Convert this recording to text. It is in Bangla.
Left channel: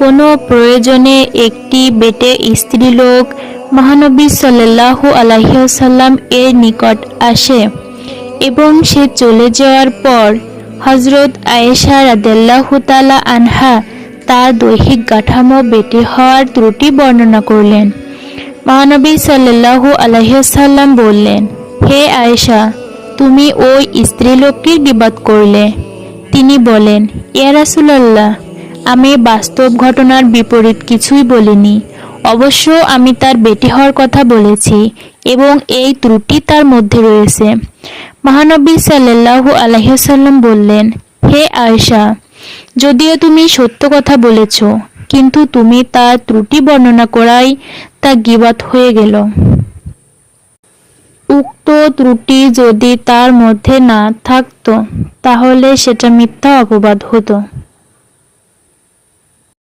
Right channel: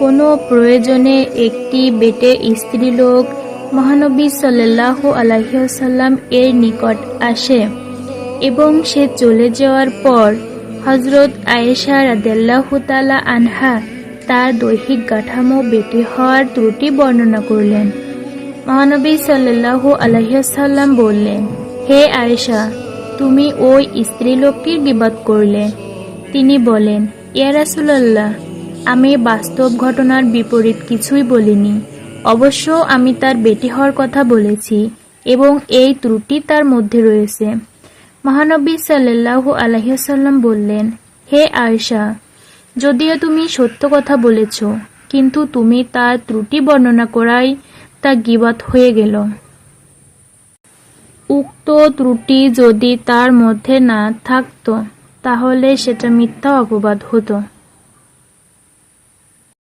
কোনো প্রয়োজনে একটি বেটে স্ত্রীলোক মহানবী সাল্লাল্লাহু আলাইহি ওয়াসাল্লাম এর নিকট আসে এবং সে চলে যাওয়ার পর হযরত আয়েশা রাদিয়াল্লাহু তাআলা আনহা তার দৈহিক কাঠামো বেটে হওয়ার ত্রুটি বর্ণনা করলেন। মহানবী সাল্লাল্লাহু আলাইহি ওয়াসাল্লাম বললেন, হে আয়েশা, তুমি ওই স্ত্রীলোককে গীবত করলে। তিনি বলেন, ইয়া রাসূলুল্লাহ, আমি বাস্তব ঘটনার বিপরীত কিছুই বলিনি। অবশ্য আমি তার বেটি হওয়ার কথা বলেছি এবং এই ত্রুটি তার মধ্যে রয়েছে। মহানবী সাল্লাল্লাহু আলাইহি ওয়াসাল্লাম বললেন, হে আয়েশা, যদিও তুমি সত্য কথা বলেছ, কিন্তু তুমি তার ত্রুটি বর্ণনা করাই তা গীবত হয়ে গেল। উক্ত ত্রুটি যদি তার মধ্যে না থাকতো তাহলে সেটা মিথ্যা অপবাদ হতো।